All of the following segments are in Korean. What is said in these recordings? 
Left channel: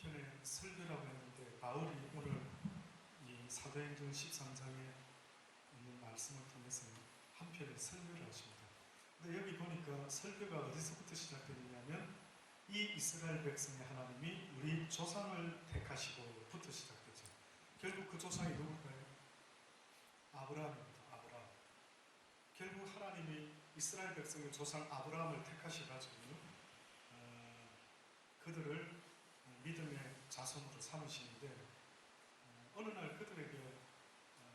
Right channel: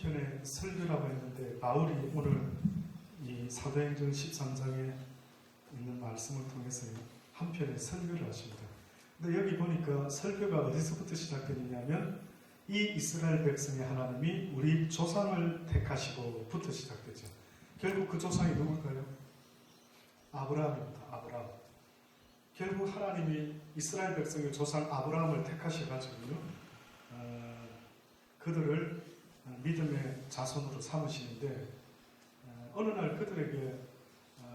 한편의 설교라고 했는데 바울이 오늘 이 사도행전 13장에 있는 말씀을 통해서 한편의 설교를 하십니다. 근데 여기 보니까 설교가 어디서부터 시작되느냐면 이 이스라엘 백성의 하나님이 우리 조상을 택하시고부터 시작되죠. 결국 그 조상이 누굴까요? 아브라함입니다. 아브라함. 결국 하나님이 이스라엘 백성의 조상 아브라함을 택하셔가지고요, 그들을 믿음의 자손으로 삼으시는데, 어느 날 그들에게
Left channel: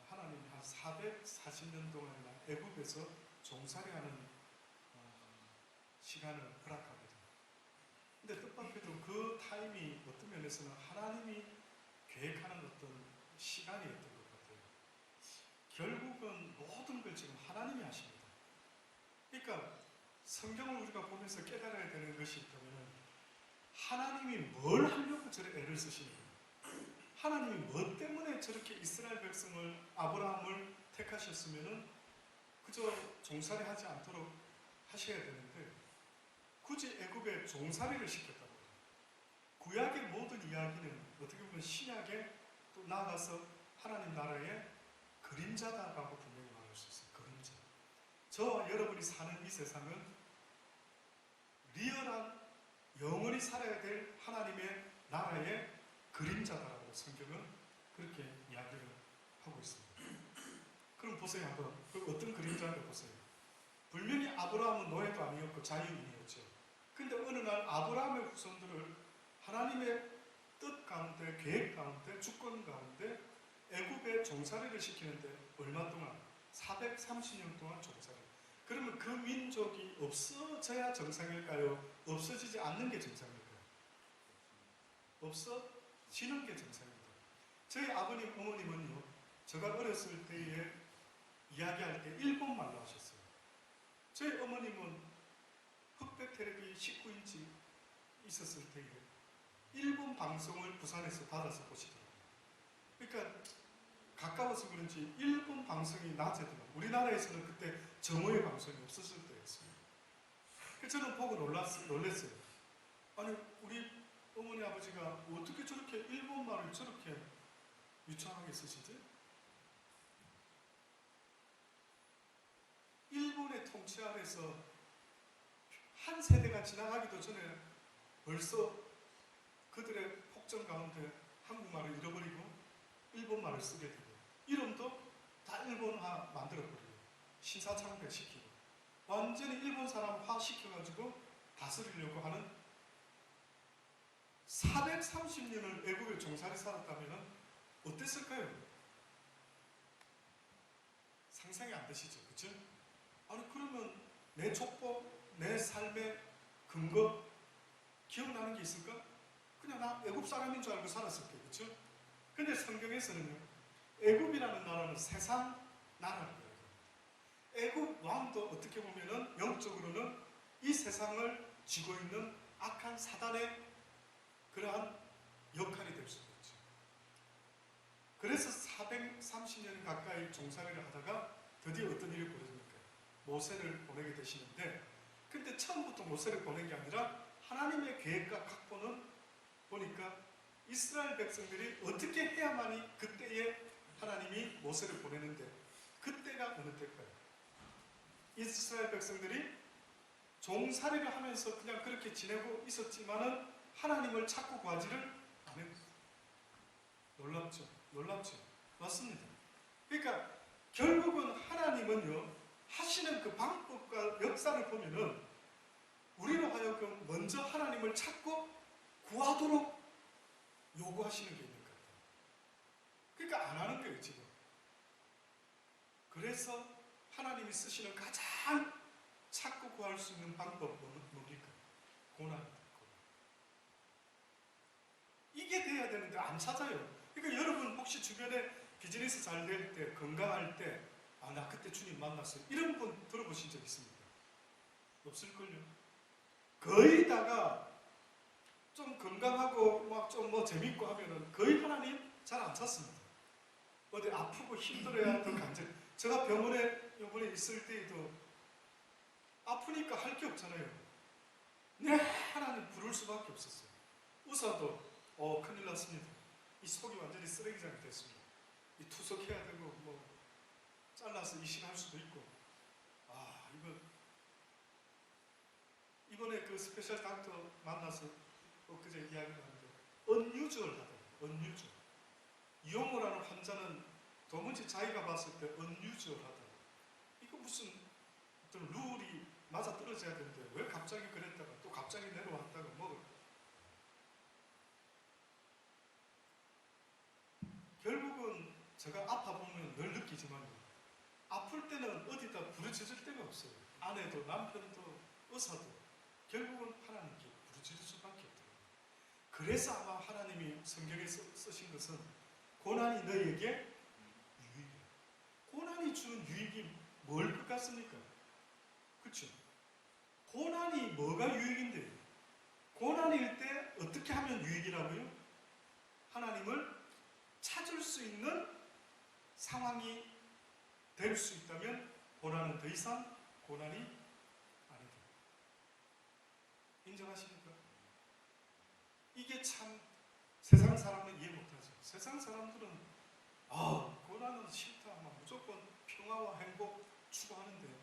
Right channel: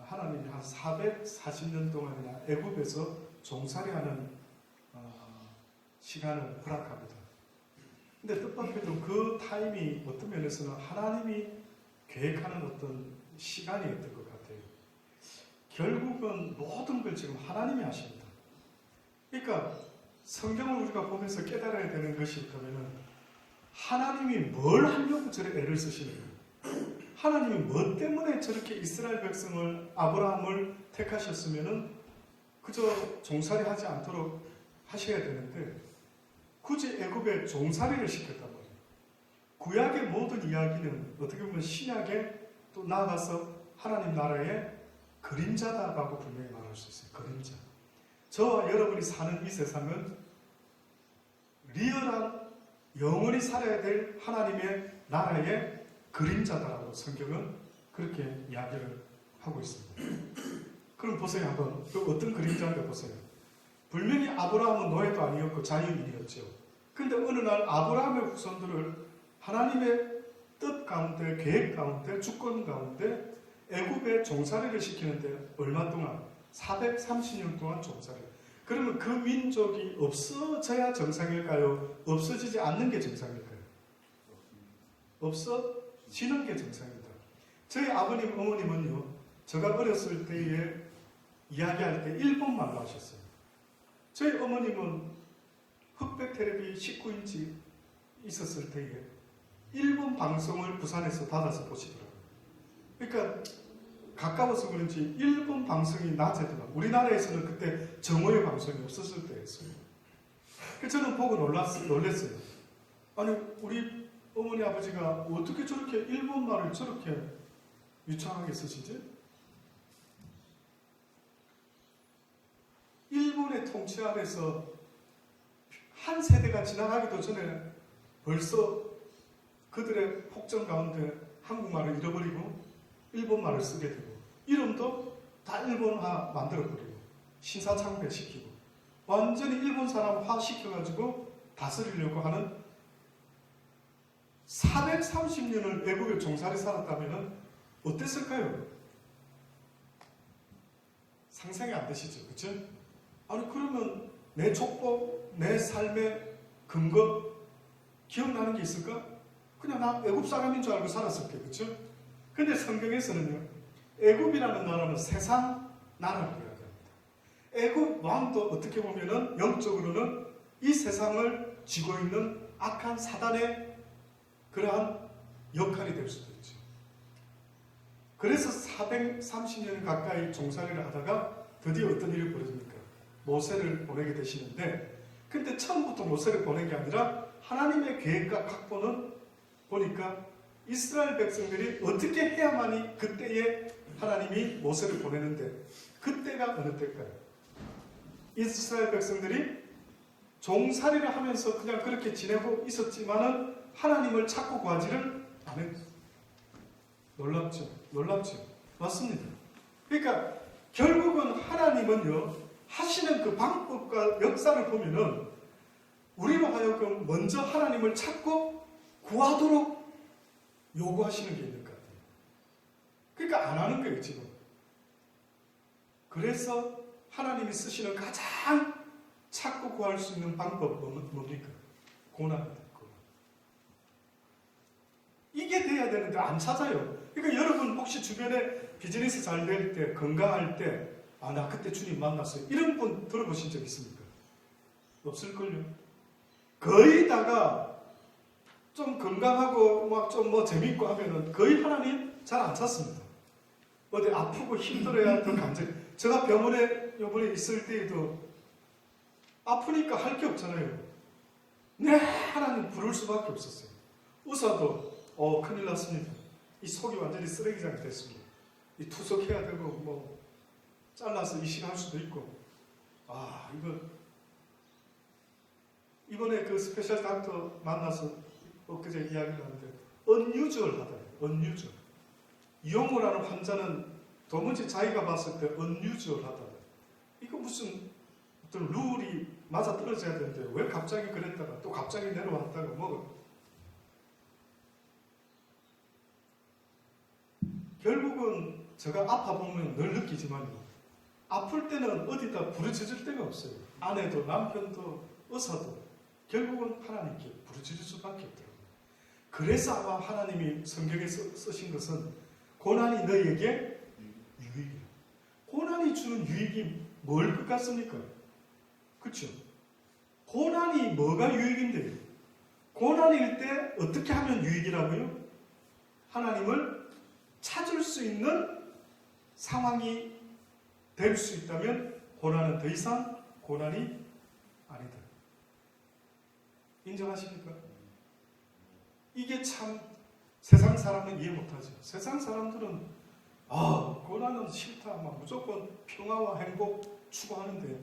하나님이 한 440년 동안이나 애굽에서 종살이하는 시간을 허락합니다. 근데 뜻밖에도 그 타임이 어떤 면에서는 하나님이 계획하는 어떤 시간이었던 것 같아요. 결국은 모든 걸 지금 하나님이 하십니다. 그러니까 성경을 우리가 보면서 깨달아야 되는 것이 있다면, 하나님이 뭘 하려고 저렇게 애를 쓰시는가? 하나님이 뭐 때문에 저렇게 이스라엘 백성을, 아브라함을 택하셨으면은 그저 종살이 하지 않도록 하셔야 되는데 굳이 애굽에 종살이를 시켰단 말이에요. 구약의 모든 이야기는 어떻게 보면 신약에 또 나아가서 하나님 나라의 그림자다라고 분명히 말할 수 있어요. 그림자. 저와 여러분이 사는 이 세상은 리얼한 영원히 살아야 될 하나님의 나라의 그림자다라고 성경은 그렇게 이야기를 하고 있습니다. 그럼 보세요. 한번 그 어떤 그림자인가 보세요. 분명히 아브라함은 노예도 아니었고 자유인이었죠. 근데 어느 날 아브라함의 후손들을 하나님의 뜻 가운데, 계획 가운데, 주권 가운데 애굽에 종살이를 시키는데 얼마 동안? 430년 동안 종살이. 그러면 그 민족이 없어져야 정상일까요? 없어지지 않는 게 정상일까요? 없어지는 게 정상입니다. 저희 아버님, 어머님은요, 제가 어렸을 때에 이야기할 때 일본말로 하셨어요. 저희 어머님은 흑백 텔레비 19인치 있었을 때에 일본 방송을 부산에서 받아서 보시더라고요. 그러니까 가까워서 그런지 일본 방송이 낮에도, 우리나라에서는 그때 정오의 방송이 없었을 때였어요. 그래서 저는 보고 놀랐어요. 아니, 우리 어머니 아버지가 어떻게 저렇게 일본말을 저렇게 유창하게 쓰시지? 일본의 통치 아래서 한 세대가 지나가기도 전에 벌써 그들의 폭정 가운데 한국말을 잃어버리고 일본말을 쓰게 되고, 이름도 다 일본화 만들어버리고 신사창배시키고 완전히 일본 사람화 시켜가지고 다스리려고 하는 430년을 애국에 종살이 살았다면 어땠을까요? 상상이 안 되시죠? 그렇죠? 아니, 그러면 내 족보, 내 삶의 근거 기억나는 게 있을까? 그냥 나 애굽 사람인 줄 알고 살았을 때, 그렇죠? 근데 성경에서는요, 애굽이라는 나라는 세상 나라를 이야기합니다. 애굽 왕도 어떻게 보면은 영적으로는 이 세상을 쥐고 있는 악한 사단의 그러한 역할이 될 수도 있죠. 그래서 430년 가까이 종살이를 하다가 드디어 어떤 일이 벌어집니까? 모세를 보내게 되시는데, 근데 처음부터 모세를 보낸 게 아니라 하나님의 계획과 각본은 보니까 이스라엘 백성들이 어떻게 해야만이 그때에 하나님이 모세를 보내는데, 그때가 어느 때일까요? 이스라엘 백성들이 종살이를 하면서 그냥 그렇게 지내고 있었지만은 하나님을 찾고 구하지를 않았어요. 놀랍죠? 놀랍죠? 맞습니다. 그러니까 결국은 하나님은요, 하시는 그 방법과 역사를 보면은 우리로 하여금 먼저 하나님을 찾고 구하도록 요구하시는 게 있는 것 같아요. 그러니까 안 하는 거예요, 지금. 그래서 하나님이 쓰시는 가장 찾고 구할 수 있는 방법은 뭡니까? 고난입니다. 고난. 이게 돼야 되는데 안 찾아요. 그러니까 여러분 혹시 주변에 비즈니스 잘 될 때, 건강할 때, 아, 나 그때 주님 만났어요, 이런 분 들어보신 적 있습니까? 없을걸요. 거의 다가 좀 건강하고 막 좀 뭐 재밌고 하면은 거의 하나님 잘 안 찾습니다. 어디 아프고 힘들어야 더 간절. 제가 병원에 요번에 있을 때에도 아프니까 할 게 없잖아요. 네, 하나님 부를 수밖에 없었어요. 의사도 큰일 났습니다. 이 속이 완전히 쓰레기장이 됐습니다. 이 투석해야 되고 뭐 잘라서 이식할 수도 있고 이거 이번에 그 스페셜 닥터 만나서 엊그제 이야기를 하는데 unusual하다. unusual. 이용우를 하는 환자는 도무지 자기가 봤을 때 unusual하다. 이거 무슨 어떤 룰이 맞아 떨어져야 되는데 왜 갑자기 그랬다가 또 갑자기 내려왔다가 뭐 결국은 제가 아파보면 늘 느끼지만요. 아플 때는 어디다 부르짖을 데가 없어요. 아내도 남편도 의사도 결국은 하나님께 부르짖을 수밖에 없더라고요. 그래서 아마 하나님이 성경에 쓰신 것은 고난이 너희에게 유익이라. 고난이 주는 유익이 뭘 것 같습니까? 그렇죠? 고난이 뭐가 유익인데요? 고난일 때 어떻게 하면 유익이라고요? 하나님을 찾을 수 있는 상황이 될 수 있다면 고난은 더 이상 고난이 아니다. 인정하십니까? 이게 참 세상 사람은 이해 못하죠. 세상 사람들은 고난은 싫다, 무조건 평화와 행복 추구하는데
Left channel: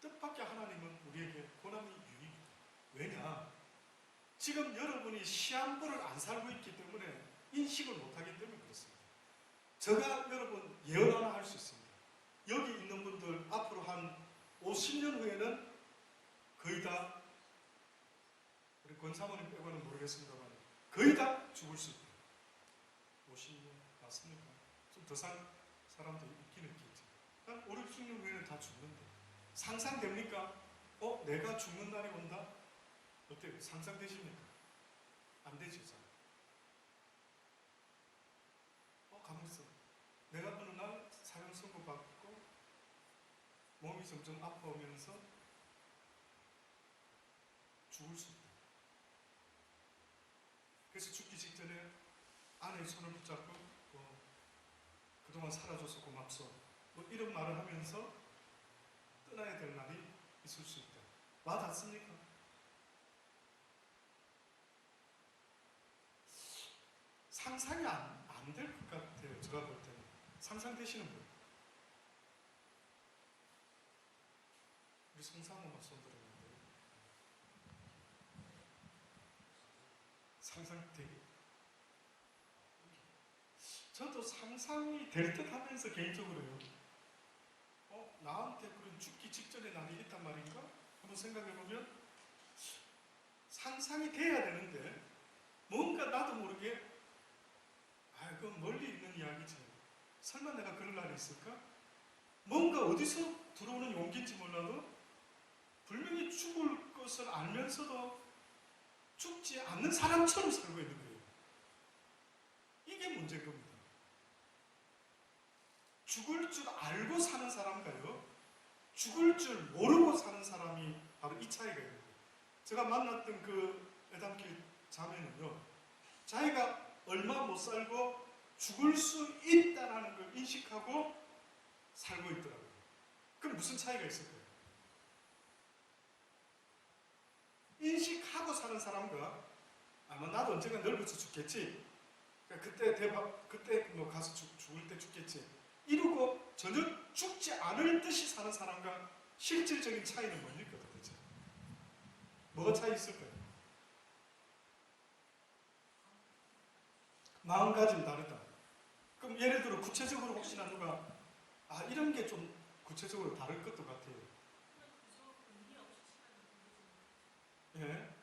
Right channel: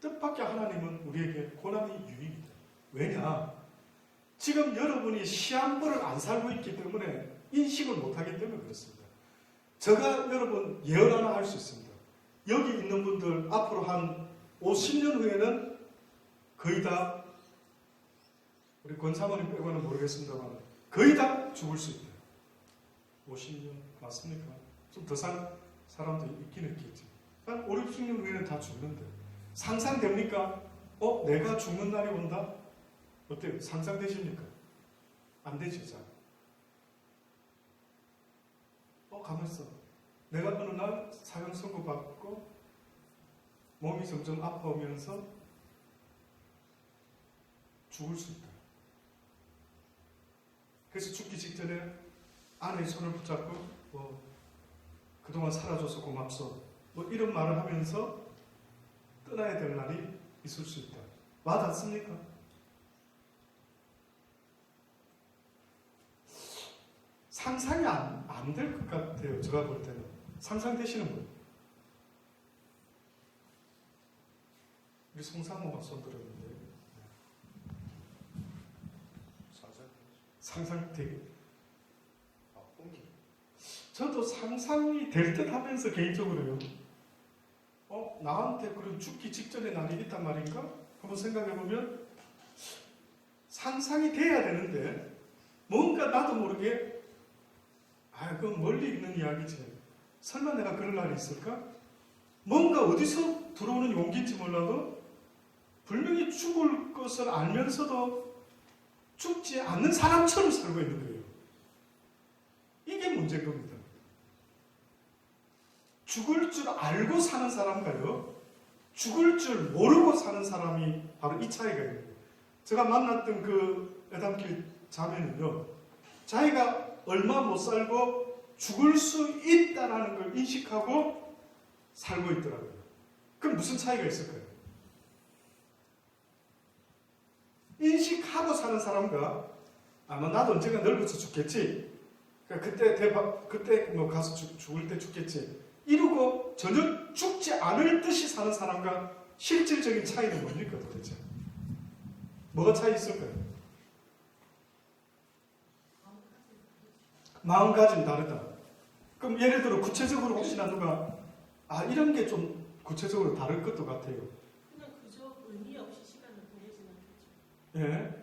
뜻밖의 하나님은 우리에게 고난이 유익이다. 왜냐? 지금 여러분이 시한부를 안 살고 있기 때문에 인식을 못하기 때문에 그렇습니다. 제가 여러분 예언 하나 할 수 있습니다. 여기 있는 분들 앞으로 한 50년 후에는 거의 다 우리 권사모님 빼고는 모르겠습니다만 거의 다 죽을 수 있대요. 50년 맞습니까? 좀 더 산 사람도 있긴 있겠지. 한 5, 60년 후에는 다 죽는데 상상됩니까? 내가 죽는 날이 온다? 어때요? 상상되십니까? 안 되죠, 잘. 가만있어. 내가 어느 날 사형 선고받고 몸이 점점 아파오면서 죽을 수 있다. 그래서 죽기 직전에 아내의 손을 붙잡고 그동안 살아줘서 고맙소. 이런 말을 하면서 떠나야 될 날이 있을 수 있다. 와닿습니까? 상상이 안 될 것 같아요. 제가 볼 때는. 상상되시는 분? 우리 송상모가 손 들었는데 상상되게 저도 상상이 될 듯 하면서 개인적으로요. 나한테 그런 죽기 직전의 날이 있단 말인가? 한번 생각해보면 상상이 돼야 되는데 뭔가 나도 모르게 그건 멀리 있는 이야기지. 설마 내가 그럴 날이 있을까? 뭔가 어디서 들어오는 용기인지 몰라도 분명히 죽을 것을 알면서도 죽지 않는 사람처럼 살고 있는 거예요. 이게 문제인 겁니다. 죽을 줄 알고 사는 사람과요, 죽을 줄 모르고 사는 사람이 바로 이 차이가 있는 거예요. 제가 만났던 그 애담길 자매는요, 자기가 얼마 못 살고 죽을 수 있다는 걸 인식하고 살고 있더라고요. 그럼 무슨 차이가 있을까요? 인식하고 사는 사람과 나도 언젠가 늙어서 죽겠지. 그때 가서 죽을 때 죽겠지. 이러고 전혀 죽지 않을 듯이 사는 사람과 실질적인 차이는 뭡니까 도대체? 뭐가 차이 있을까요? 마음가짐 다르다. 그럼 예를 들어 구체적으로 혹시나 누가 이런 게 좀 구체적으로 다를 것도 같아요. 그냥 그저 의미 없이 시간을 보내지는 거죠. 예,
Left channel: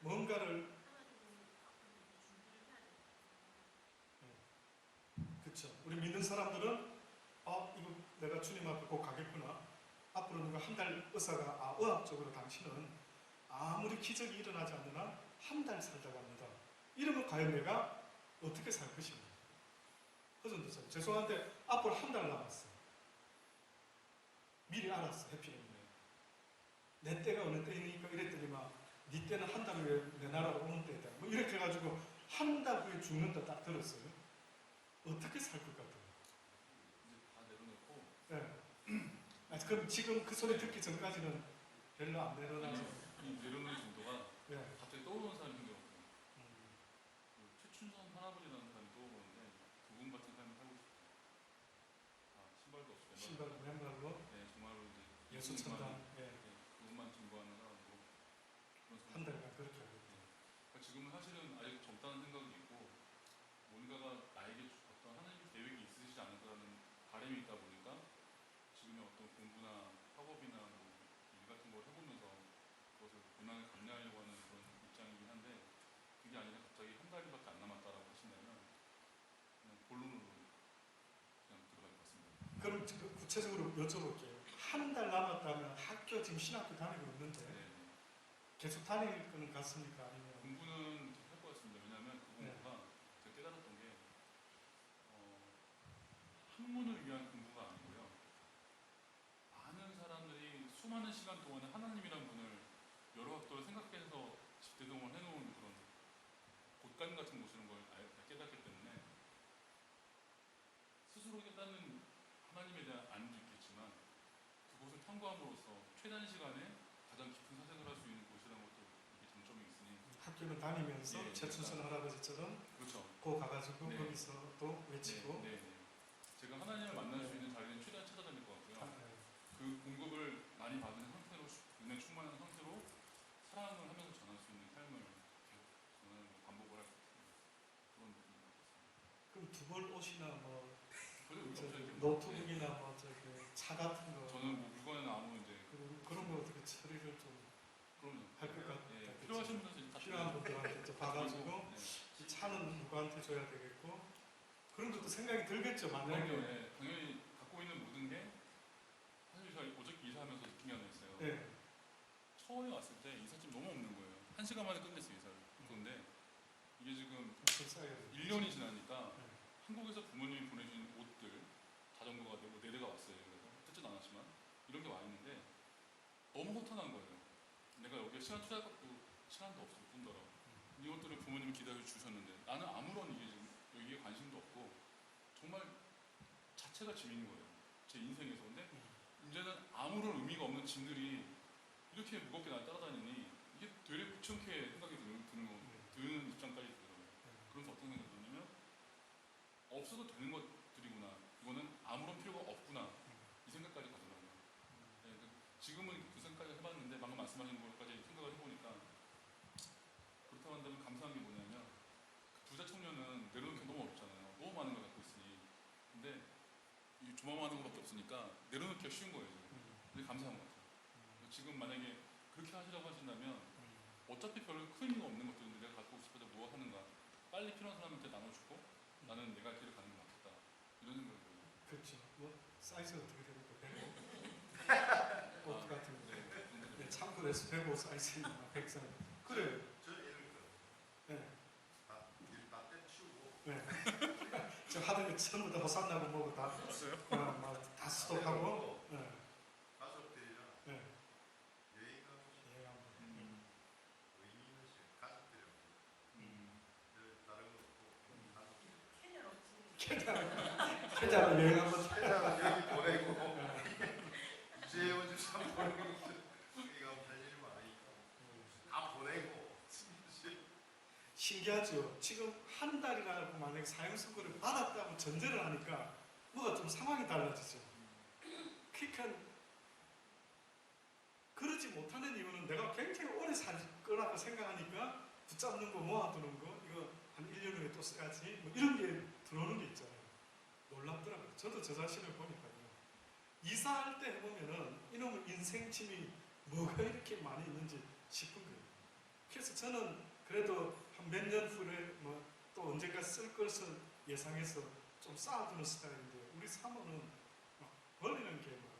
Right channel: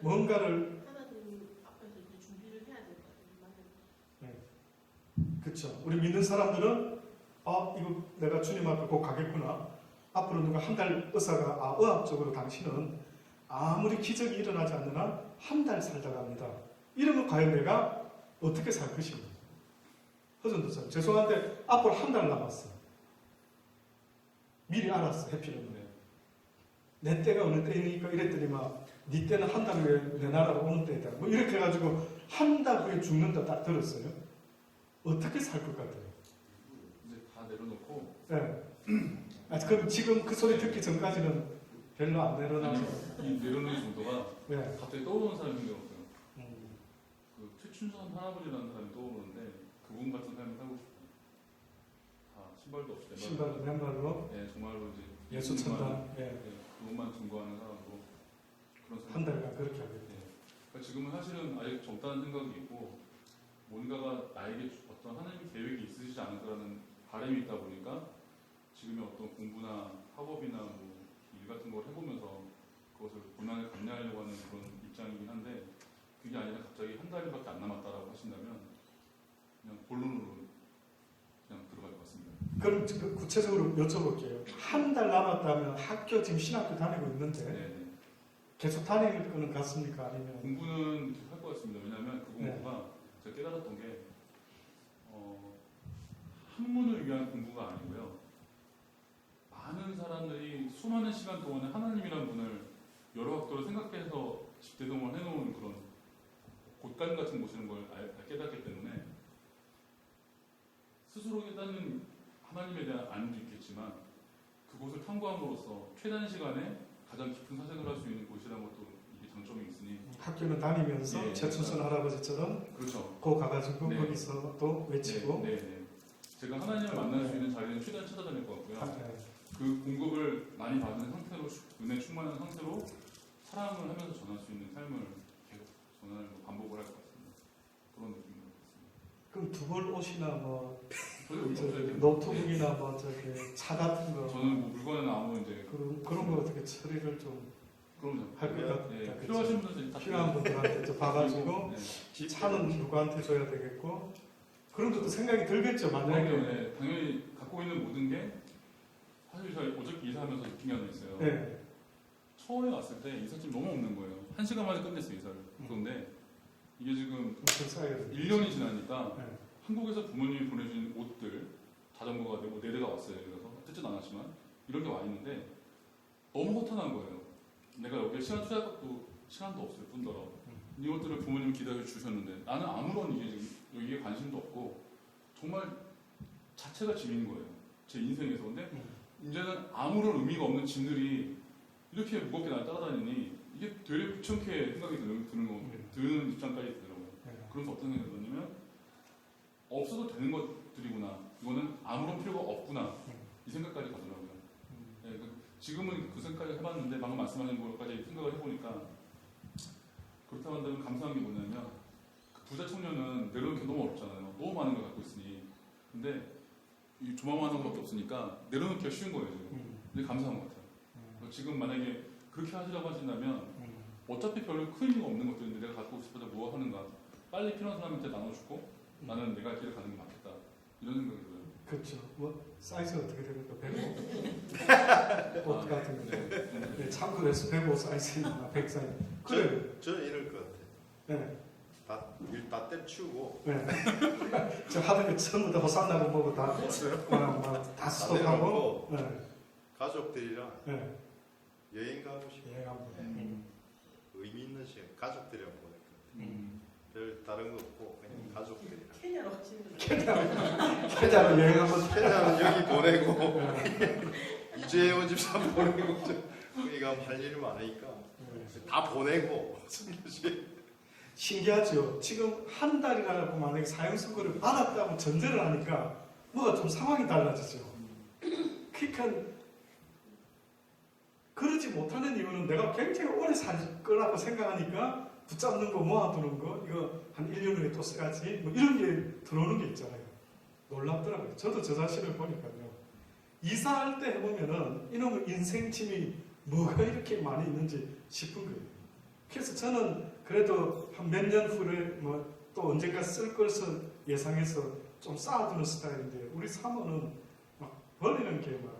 뭔가를 하나님 앞에서 이제 준비를 해야 된다. 그렇죠. 우리 믿는 사람들은 이거 내가 주님 앞에 꼭 가겠구나. 앞으로 누가 한 달 의사가 의학적으로 당신은 아무리 기적이 일어나지 않는 한 한 달 살다 갑니다. 이러면 과연 내가 어떻게 살 것인가? 허전도사님 죄송한데 앞으로 한 달 남았어. 미리 알았어. 해피는 내 때가 어느 때이니까 이랬더니 네 때는 한 달 후에 내 나라로 오는 때이다. 이렇게 해가지고 한 달 후에 죽는다 딱 들었어요. 어떻게 살 것 같아요? 이제 다 내려놓고. 네. 그럼 지금 그 소리 듣기 전까지는 별로 안 내려놔서. 이 내려놓는 정도가 네. 갑자기 떠오르는 사람이 생겨요. 그 할아버지라는 사람이 떠오르는데 그분 같은 삶을 살고 싶어요. 다 신발도 없이 신발 맨발로 네, 정말로 이제 예수 천당 그것만 증거하는 사람으로 그런 한 달간 그렇게 하겠다. 그러니까 지금은 사실은 아직 젊다는 생각이 있고 뭔가가 나에게 어떤 하나님의 계획이 있으시지 않을까라는 바람이 있다 보니까 지금의 어떤 공부나 학업이나 뭐 일 같은 걸 해보면서 그것을 고난을 감내하려고 하는 그런 입장이긴 한데 그게 아니라 갑자기 한 달밖에 안 남았다라고 하신다면 그냥 본론으로 그냥 들어갈 것 같습니다. 그럼 구체적으로 여쭤볼게요. 한 달 남았다면 학교 지금 신학교 다니고 있는데 네. 계속 다닐 거는 같습니까? 아니면 공부는 계속 할 것 같습니다. 왜냐하면 그 공부가 제가 깨달았던 게 학문을 위한 공부가 아니고요. 많은 사람들이 수많은 시간 동안에 하나님이란 분을 여러 각도로 생각해서 집대동을 해놓은 그런 곳간 같은 곳이라는 걸 깨닫기 때문에 스스로 깨닫는 하나님에 대한 안도 있겠지만 그곳을 탐구함으로써 최단 시간에 가장 깊은 사색을 할 수 있는 곳이라는 것도 이게 장점이 있으니 학교는 다니면서 최춘선 할아버지처럼 그렇죠. 거 가가지고 네. 거기서 또 외치고 네. 제가 하나님을 만날 수 있는 자리는 최대한 찾아다닐 것 같고요. 그 공급을 많이 받은 상태로 은혜 충만한 상태로 사랑을 하면서 전할 수 있는 삶을 계속 전하는 반복을 할 것 같습니다. 그런 느낌인 것 같습니다. 그럼 두 벌 옷이나 뭐 저희 여기 없어야 돼요. 노트북이나 뭐 저기 차 같은 거 저는 뭐 물건이나 아무 이제 그런 거 어떻게 처리를 좀 그럼요. 할 것 같다. 예, 그치? 필요하신 분들 다 필요한 분들한테 좀 봐가지고 네. 차는 누구한테 줘야 되겠고 그런 것도 생각이 들겠죠. 만약에 네, 당연히 갖고 있는 모든 게 사실 저희 어저께 이사하면서 느낀 게 하나 있어요. 네. 처음에 왔을 때 이삿짐 너무 없는 거예요. 1시간 만에 끝냈어요 이사를. 그런데 이게 지금 1년이 지나니까 네. 한국에서 부모님이 보내주신 옷들 자전거가 되고 4대가 왔어요. 그래서 뜯진 않았지만 이런 게 와 있는데 너무 허탄한 거예요. 내가 여기에 시간 투자할 것도 시간도 없을 뿐더러 이것들을 부모님이 기다려 주셨는데 나는 아무런 이게 지금 여기에 관심도 없고 정말 자체가 짐인 거예요. 제 인생에서. 근데 이제는 아무런 의미가 없는 짐들이 이렇게 무겁게 날 따라다니니 이게 되게 귀찮게 생각이 드는 입장까지 들더라고요. 그래서 어떤 생각이 들었냐면 없어도 되는 것들이구나. 이거는 아무런 필요가 없구나. 이 생각까지 가더라고요. 네, 지금은 그 생각을 해봤는데 방금 말씀하신 것까지 생각을 해보니까 그렇다고 한다면 감사한 게 뭐냐면 그 부자 청년은 내려놓기 너무 어렵잖아요. 너무 많은 걸 갖고 있으니. 근데 이 조만한 것밖에 없으니까 내려놓기가 쉬운 거예요. 지금. 근데 감사한 것 같아요. 지금 만약에 그렇게 하시라고 하신다면 어차피 별로 큰 의미가 없는 것들인데 내가 갖고 싶어서 뭐 하는가. 빨리 필요한 사람한테 나눠주고 나는 내가 길을 가는 게 맞겠다. 이런 생각이 들어요. 그렇죠. 뭐 사이즈가 어떻게 됩니까? 105? 옷 같은 거. 네, 참고해서 105 사이즈나 100 사이즈. 그래. 저는 이럴 것 같아요. 네. 다 때치우고 네. 저 하던 거 전부 다 호산나고 뭐고 다 다 스톱하고. 네. 가족들이랑 네. 여행 가고 싶어요. 여행 한번. 의미 있는 시간 가족들이랑 보내요. 별 다른 거 없고 그냥 가족들이랑. 케냐로 지금 계좌로 여행 한번. 최대한 여기 보내고 이재호 집사 보내고 우리가 할 일이 많으니까 다 보내고 신기하죠. 지금 한 달이라고 만약에 사형 선고를 받았다고 전제를 하니까 뭐가 좀 상황이 달라지죠. 그러니까 그러지 못하는 이유는 내가 굉장히 오래 살 거라고 생각하니까 붙잡는 거 모아두는 거 이거 한 1년 후에 또 써야지 뭐 이런 게 들어오는 게 있잖아요. 놀랍더라고요. 저도 저 자신을 보니까요. 이사할 때 해보면은 이놈의 인생 짐이 뭐가 이렇게 많이 있는지 싶은 거예요. 그래서 저는 그래도 한 몇 년 후에 뭐 또 언젠가 쓸 것을 예상해서 좀 쌓아두는 스타일인데 우리 사모는 막 버리는 게 막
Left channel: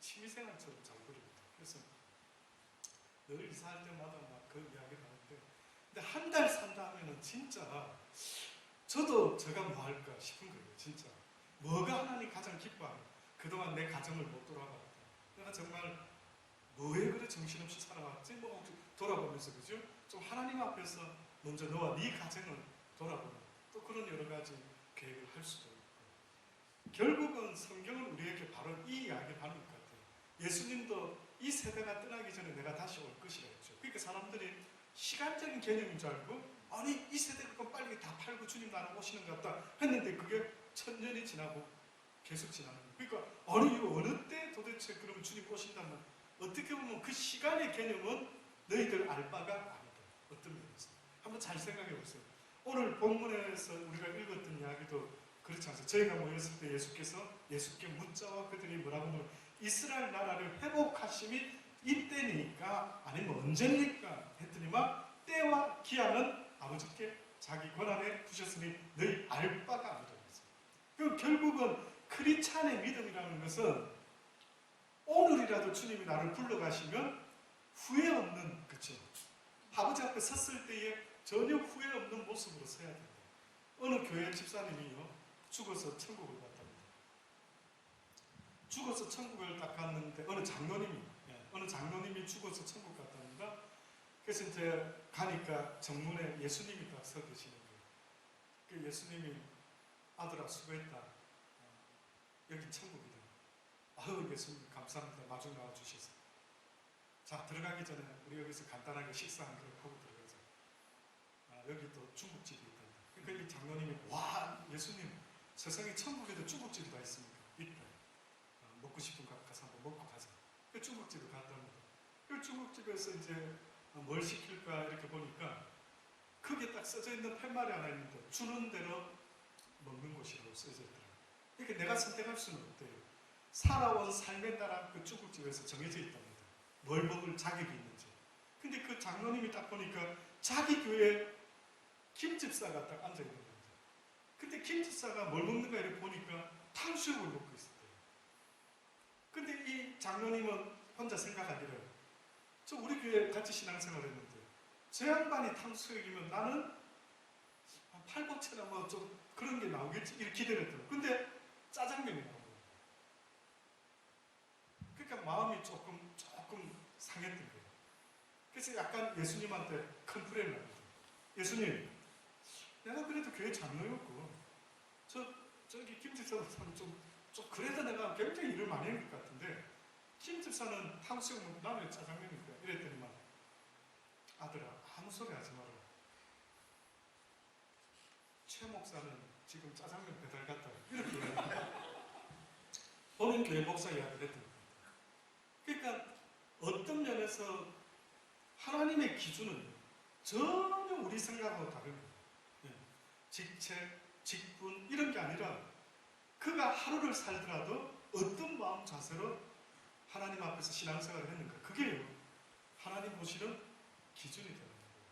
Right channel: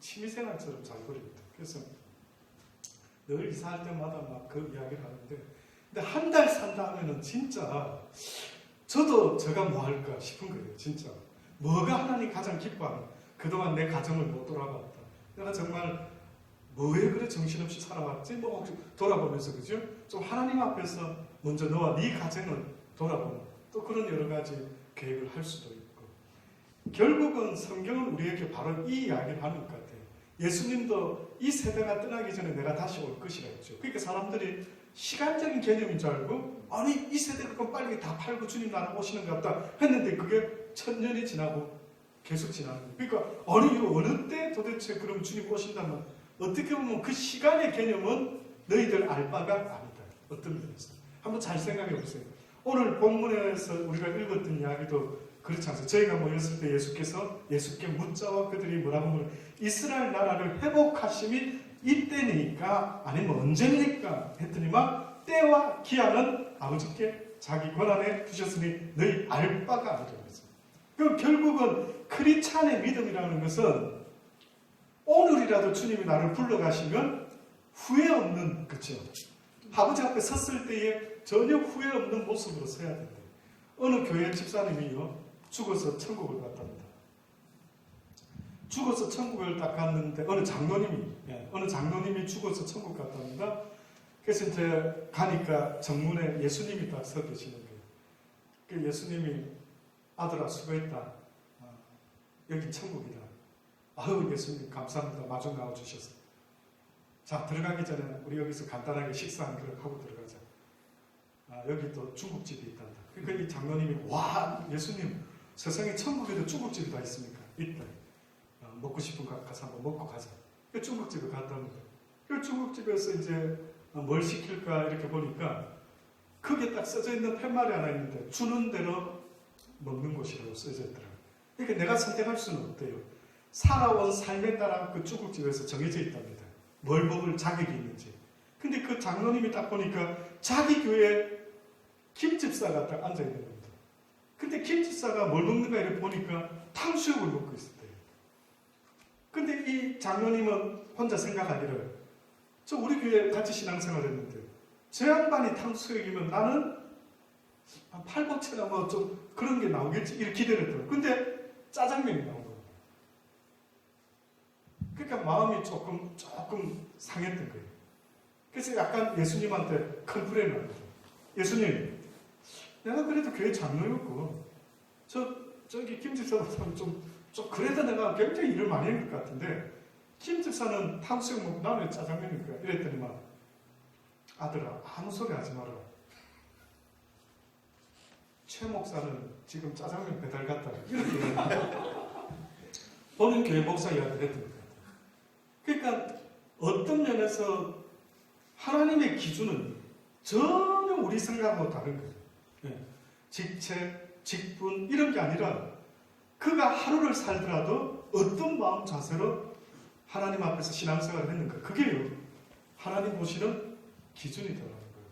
취미생활처럼 잘 버립니다. 그래서 늘 이사할 때마다 막 그 이야기를 하는데 근데 한 달 산다 하면은 진짜 저도 제가 뭐 할까 싶은 거예요. 진짜 뭐가 하나님 가장 기뻐하는 그동안 내 가정을 못 돌아봤다. 내가 정말 뭐에 그래 정신없이 살아왔지? 뭐 돌아보면서 그죠? 좀 하나님 앞에서 먼저 너와 네 가정을 돌아보는 또 그런 여러 가지 계획을 할 수도 있고 결국은 성경은 우리에게 바로 이 이야기를 하는 것 같아요. 예수님도 이 세대가 떠나기 전에 내가 다시 올 것이라 했죠. 그러니까 사람들이 시간적인 개념인 줄 알고 아니 이 세대가 그럼 빨리 다 팔고 주님 나라 오시는 것 같다 했는데 그게 1000년이 지나고 계속 지나는 거예요. 그러니까 아니 어느 때 도대체 그럼 주님 오신다면 어떻게 보면 그 시간의 개념은 너희들 알 바가 아니다. 어떤 면에서 한번 잘 생각해 보세요. 오늘 본문에서 우리가 읽었던 이야기도 그렇지 않습니까? 저희가 모였을 때 예수께 묻자와 그들이 뭐라고 하면 이스라엘 나라를 회복하심이 이때니까 아니면 언제니까 했더니만 때와 기한은 아버지께 자기 권한에 두셨으니 너희 알 바가 아니라고 했습니다. 그럼 결국은 크리스찬의 믿음이라는 것은 오늘이라도 주님이 나를 불러가시면 후회 없는, 그렇죠? 아버지 앞에 섰을 때에 전혀 후회 없는 모습으로 서야 된다. 어느 교회 집사님이요 죽어서 천국을 갔답니다. 죽어서 천국을 딱 갔는데 어느 장로님이 죽어서 천국 갔답니다. 그래서 이제 가니까 정문에 예수님이 딱 서 계시는 거예요. 그 예수님이 아들아 수고했다. 여기 천국이다. 아유 예수님 감사합니다. 마중 나와 주셔서. 자 들어가기 전에 우리 여기서 간단하게 식사 한 그릇 하고 들어가자. 여기 또 중국집이 있단다. 그러니까 이 장로님이 와 예수님 세상에 천국에도 중국집이 다 있습니까? 있다. 먹고 싶은 거 가서 한번 먹고 가자. 그 중국집에 갔답니다. 그 중국집에서 이제 뭘 시킬까 이렇게 보니까 그게 딱 써져 있는 팻말이 하나 있는데 주는 대로 먹는 곳이라고 써져 있더라고요. 그러니까 내가 선택할 수는 없대요. 살아온 삶에 따라 그 중국집에서 정해져 있답니다. 뭘 먹을 자격이 있는지. 근데 그 장로님이 딱 보니까 자기 교회 김집사가 딱 앉아 있는 겁니다. 근데 김집사가 뭘 먹는가 이렇게 보니까 탕수육을 먹고 있었대요. 근데 이 장로님은 혼자 생각하기를 저 우리 교회 같이 신앙생활 했는데 제 양반이 탕수육이면 나는 팔보채나 뭐 좀 그런 게 나오겠지 이렇게 기대를 했더라고요. 근데 짜장면이 나온 겁니다. 그러니까 마음이 조금 상했던 거예요. 그래서 약간 예수님한테 컴플레인을 합니다. 예수님, 내가 그래도 교회 장로였고 저기 김 집사보다는 좀 그래도 내가 굉장히 일을 많이 한 것 같은데 김 집사는 탕수육 먹고 나는 짜장면일 거야. 이랬더니만 아들아 아무 소리 하지 마라. 최 목사는 지금 짜장면 배달 갔다 이렇게 보는 교회 목사 이야기를 했던 것 같아요. 그러니까 어떤 면에서 하나님의 기준은 전혀 우리 생각하고 다른 거예요. 직책, 직분 이런 게 아니라 그가 하루를 살더라도 어떤 마음 자세로 하나님 앞에서 신앙생활을 했는가 그게요 하나님 보시는 기준이더라는 거예요.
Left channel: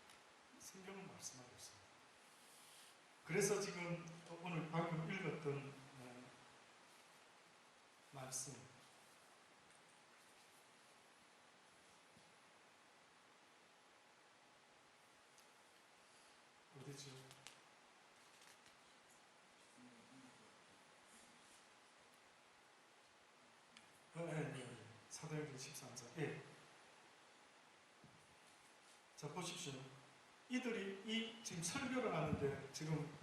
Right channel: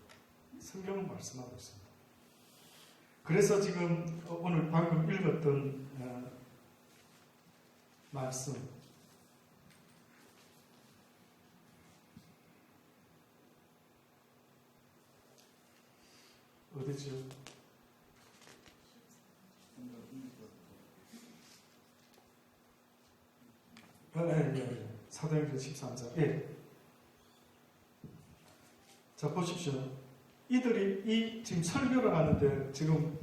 성경은 말씀하고 있습니다. 그래서 지금 오늘 방금 읽었던 말씀 어디죠? 사도행전 13장. 예. 자 보십시오. 이들이 이 지금 설교를 하는데 지금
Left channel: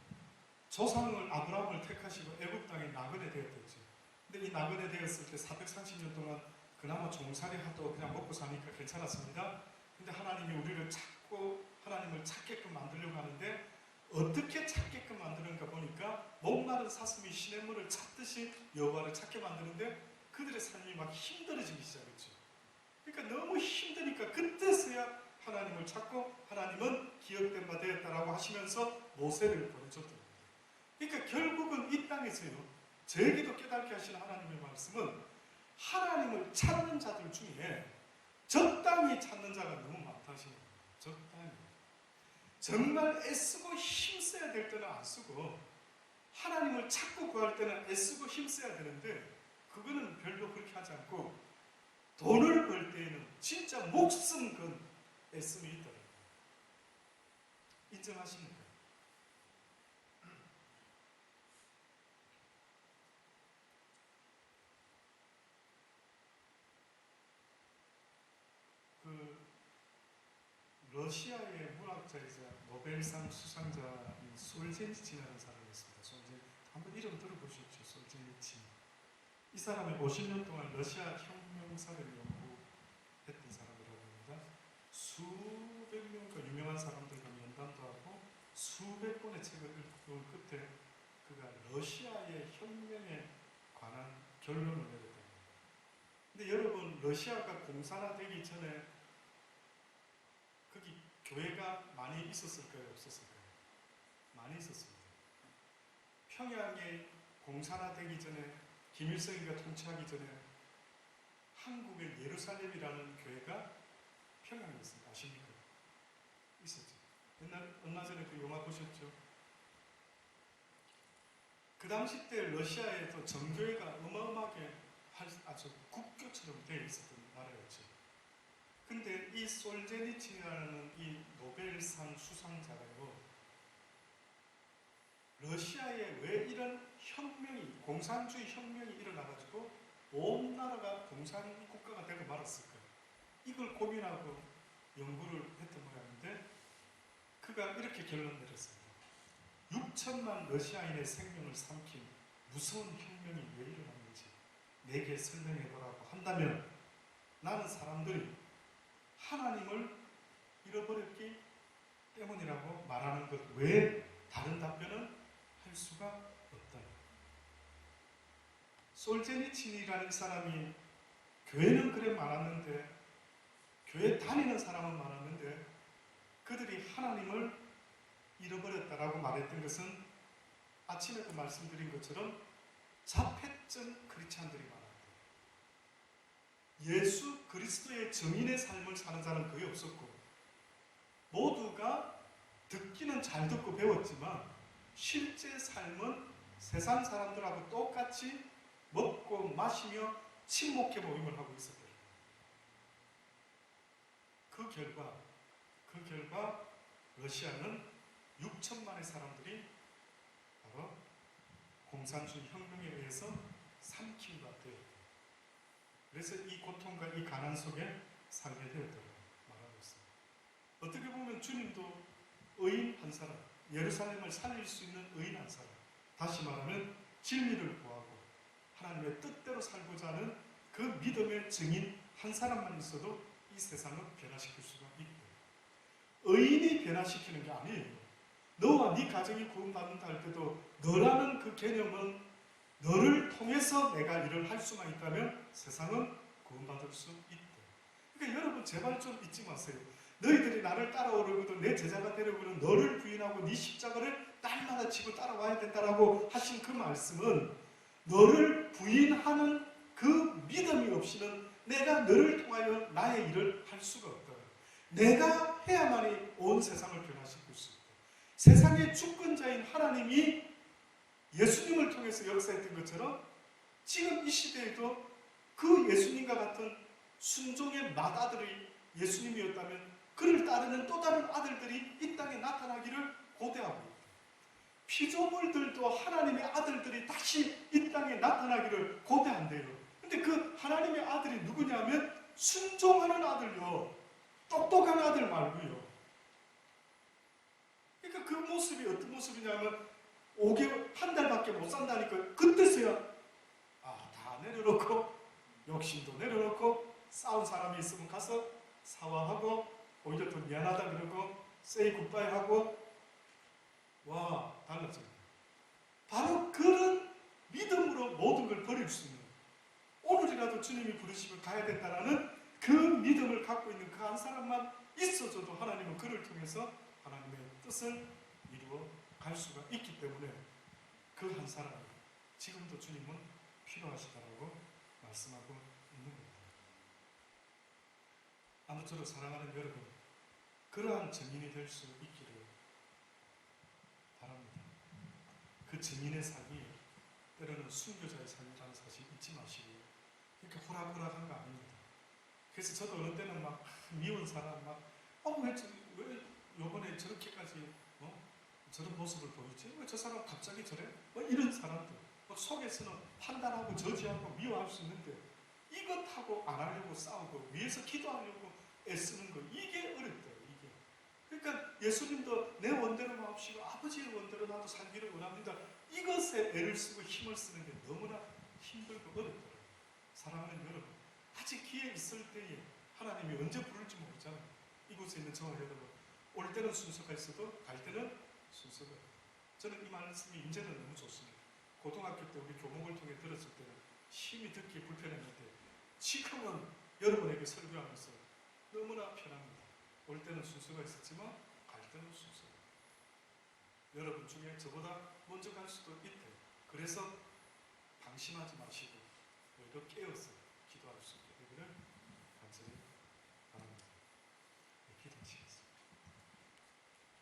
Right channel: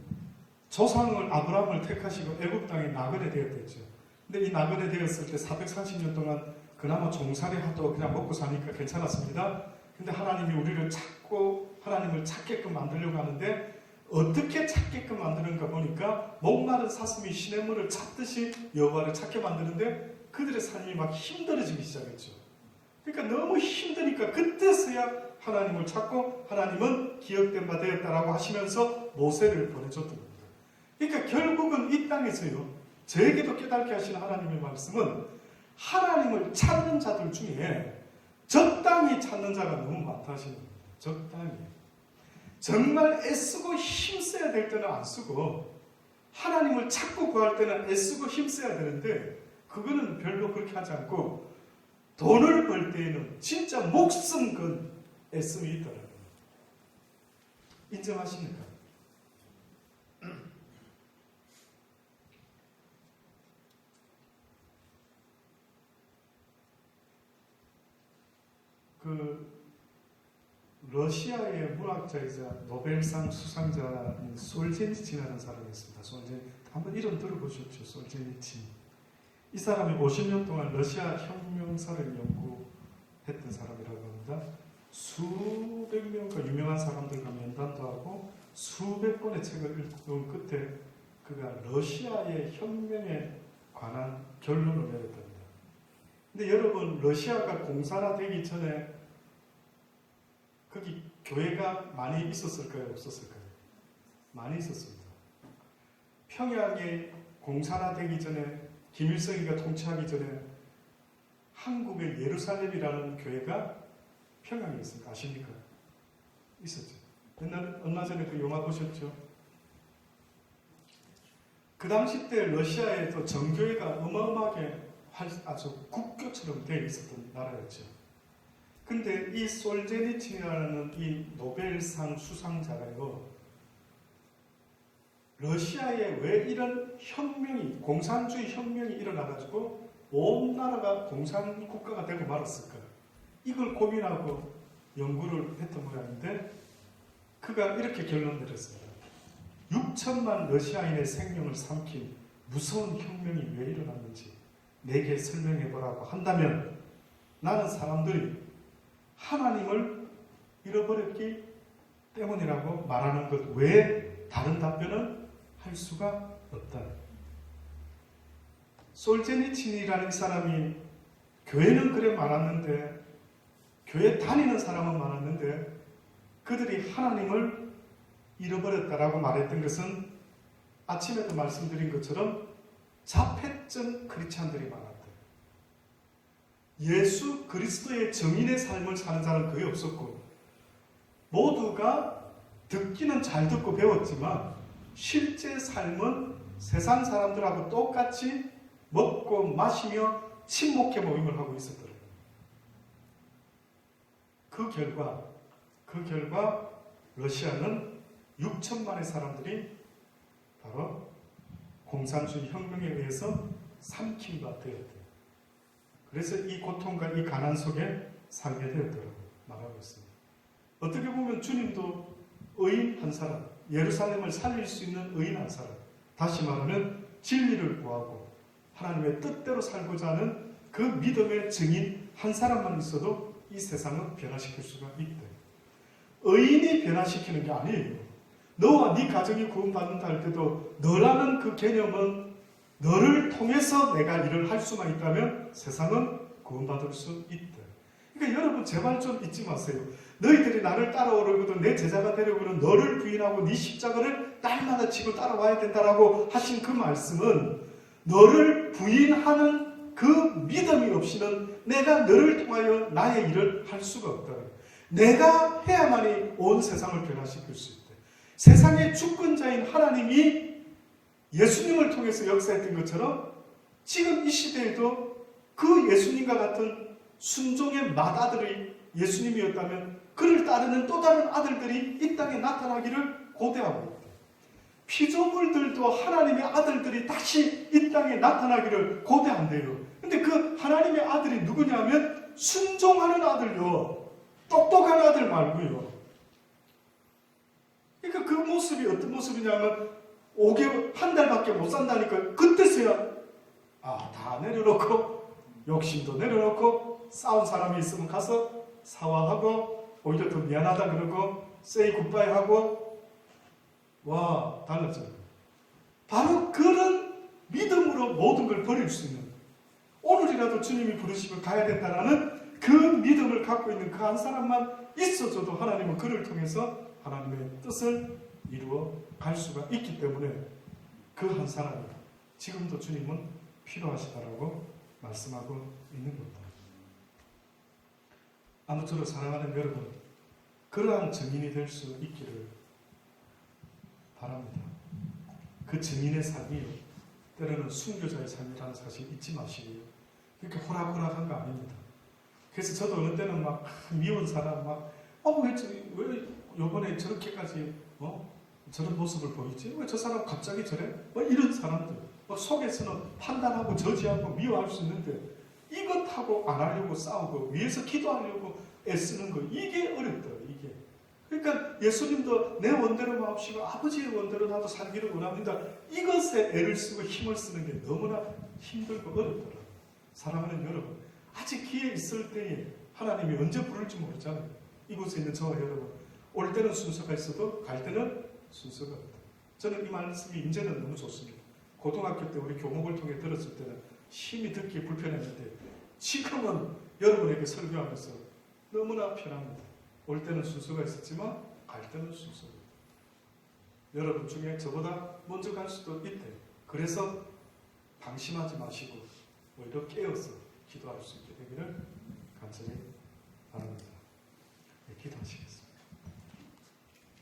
조상을 아브라함을 택하시고 애굽 땅에 나그네 되었댔죠. 근데 이 나그네 되었을 때 430년 동안 그나마 종살이 하도 그냥 먹고 사니까 괜찮았습니다. 근데 하나님이 우리를 찾고 하나님을 찾게끔 만들려고 하는데 어떻게 찾게끔 만드는가 보니까 목마른 사슴이 시냇물을 찾듯이 여호와를 찾게 만드는데 그들의 삶이 막 힘들어지기 시작했죠. 그러니까 너무 힘드니까 그때서야 하나님을 찾고 하나님은 기억된 바 되었다라고 하시면서 모세를 보내줬던 겁니다. 그러니까 결국은 이 땅에서요. 저에게도 깨닫게 하시는 하나님의 말씀은 하나님을 찾는 자들 중에 적당히 찾는 자가 너무 많다 하시는 겁니다. 적당히. 정말 애쓰고 힘써야 될 때는 안 쓰고 하나님을 찾고 구할 때는 애쓰고 힘써야 되는데 그거는 별로 그렇게 하지 않고 돈을 벌 때에는 진짜 목숨 건 애씀이 있더라고요. 인정하십니까? 러시아의 문학자이자 노벨상 수상자인 솔제니친이라는 사람이 있습니다. 한번 이름 들어보셨죠? 솔제니친. 이 사람이 50년 동안 러시아 혁명사를 연구했던 사람이라고 합니다. 수백 명과 유명한 사람들과 면담도 하고 수백 권의 책을 읽은 끝에 그가 러시아의 혁명에 관한 결론을 내렸답니다. 근데 여러분, 러시아가 공산화되기 전에 거기 교회가 많이 있었을까요? 없었을까요? 많이 있었습니다. 평양에 공산화되기 전에, 김일성이가 통치하기 전에 한국의 예루살렘이라는 교회가 평양에 있습니다. 아십니까? 있었죠. 얼마 전에 그 영화 보셨죠? 그 당시 때 러시아에도 정교회가 어마어마하게 아주 국교처럼 되어 있었던 나라였죠. 근데 이 솔제니친이라는 이 노벨상 수상자가요, 러시아에 왜 이런 혁명이, 공산주의 혁명이 일어나가지고 온 나라가 공산 국가가 되고 말았을까? 이걸 고민하고 연구를 했던 모양인데, 그가 이렇게 결론 내렸습니다. 6천만 러시아인의 생명을 삼킨 무서운 혁명이 왜 일어났는지 내게 설명해보라고 한다면 나는 사람들이 하나님을 잃어버렸기 때문이라고 말하는 것 외에 다른 답변은 할 수가 없다. 솔제니친이라는 사람이 교회는 그래 많았는데, 교회 다니는 사람은 많았는데 그들이 하나님을 잃어버렸다라고 말했던 것은 아침에도 말씀드린 것처럼 자폐증 크리스찬들이 많았다. 예수 그리스도의 증인의 삶을 사는 자는 거의 없었고, 모두가 듣기는 잘 듣고 배웠지만 실제 삶은 세상 사람들하고 똑같이 먹고 마시며 친목회 모임을 하고 있었더라고요. 그 결과 러시아는 6천만의 사람들이 바로 공산주의 혁명에 의해서 삼킨 바 되었다. 그래서 이 고통과 이 가난 속에 살게 되었다고 말하고 있습니다. 어떻게 보면 주님도 의인 한 사람, 예루살렘을 살릴 수 있는 의인 한 사람, 다시 말하면 진리를 구하고 하나님의 뜻대로 살고자 하는 그 믿음의 증인 한 사람만 있어도 이 세상을 변화시킬 수가 있다. 의인이 변화시키는 게 아니에요. 너와 네 가정이 구원받는다 할 때도 너라는 그 개념은 너를 통해서 내가 일을 할 수만 있다면 세상은 구원받을 수 있다. 그러니까 여러분 제발 좀 잊지 마세요. 너희들이 나를 따라오려거든 내 제자가 되려거든 너를 부인하고 네 십자가를 날마다 지고 따라와야 된다라고 하신 그 말씀은 너를 부인하는 그 믿음이 없이는 내가 너를 통하여 나의 일을 할 수가 없다. 내가 해야만이 온 세상을 변화시킬 수 있다. 세상의 주권자인 하나님이 예수님을 통해서 역사했던 것처럼 지금 이 시대에도 그 예수님과 같은 순종의 맏아들이 예수님이었다면 그를 따르는 또 다른 아들들이 이 땅에 나타나기를 고대하고 있다. 피조물들도 하나님의 아들들이 다시 이 땅에 나타나기를 고대한대요. 근데 그 하나님의 아들이 누구냐면 순종하는 아들요. 똑똑한 아들 말고요. 그러니까 그 모습이 어떤 모습이냐면 5개월, 한 달밖에 못 산다니까 그때서야 다 내려놓고 욕심도 내려놓고 싸운 사람이 있으면 가서 사과하고 오히려 더 미안하다 그러고 say goodbye 하고 와 달라져요. 바로 그런 믿음으로 모든 걸 버릴 수 있는 오늘이라도 주님이 부르시면 가야 된다라는 그 믿음을 갖고 있는 그 한 사람만 있어줘도 하나님은 그를 통해서 하나님의 뜻을 이루어 갈 수가 있기 때문에 그 한 사람이 지금도 주님은 필요하시다라고 말씀하고 있는 겁니다. 아무쪼록 사랑하는 여러분, 그러한 증인이 될 수 있기를 바랍니다. 그 증인의 삶이 때로는 순교자의 삶이라는 사실 잊지 마시고요. 그렇게 호락호락한 거 아닙니다. 그래서 저도 어느 때는 막 미운 사람 왜 요번에 저렇게까지 저런 모습을 보이지? 왜 저 사람 갑자기 저래? 이런 사람들 속에서는 판단하고 저지하고 미워할 수 있는데 이것하고 안 하려고 싸우고 위에서 기도하려고 애쓰는 거 이게 어렵다. 이게 그러니까 예수님도 내 원대로 마옵시고 아버지의 원대로 나도 살기를 원합니다. 이것에 애를 쓰고 힘을 쓰는 게 너무나 힘들고 어렵더라고요. 사랑하는 여러분, 아직 기회 있을 때에 하나님이 언제 부를지 모르잖아요. 이곳에 있는 저와 여러분, 올 때는 순서가 있어도 갈 때는 순서가 없다. 저는 이 말씀이 이제는 너무 좋습니다. 고등학교 때 우리 교목을 통해 들었을 때는 심히 듣기 불편했는데 지금은 여러분에게 설교하면서 너무나 편합니다. 올 때는 순서가 있었지만 갈 때는 순서가 없다. 여러분 중에 저보다 먼저 갈 수도 있대. 그래서 방심하지 마시고 오히려 깨어서 기도할 수 있게 되기를 간절히 바랍니다. 네, 기도하시겠습니다.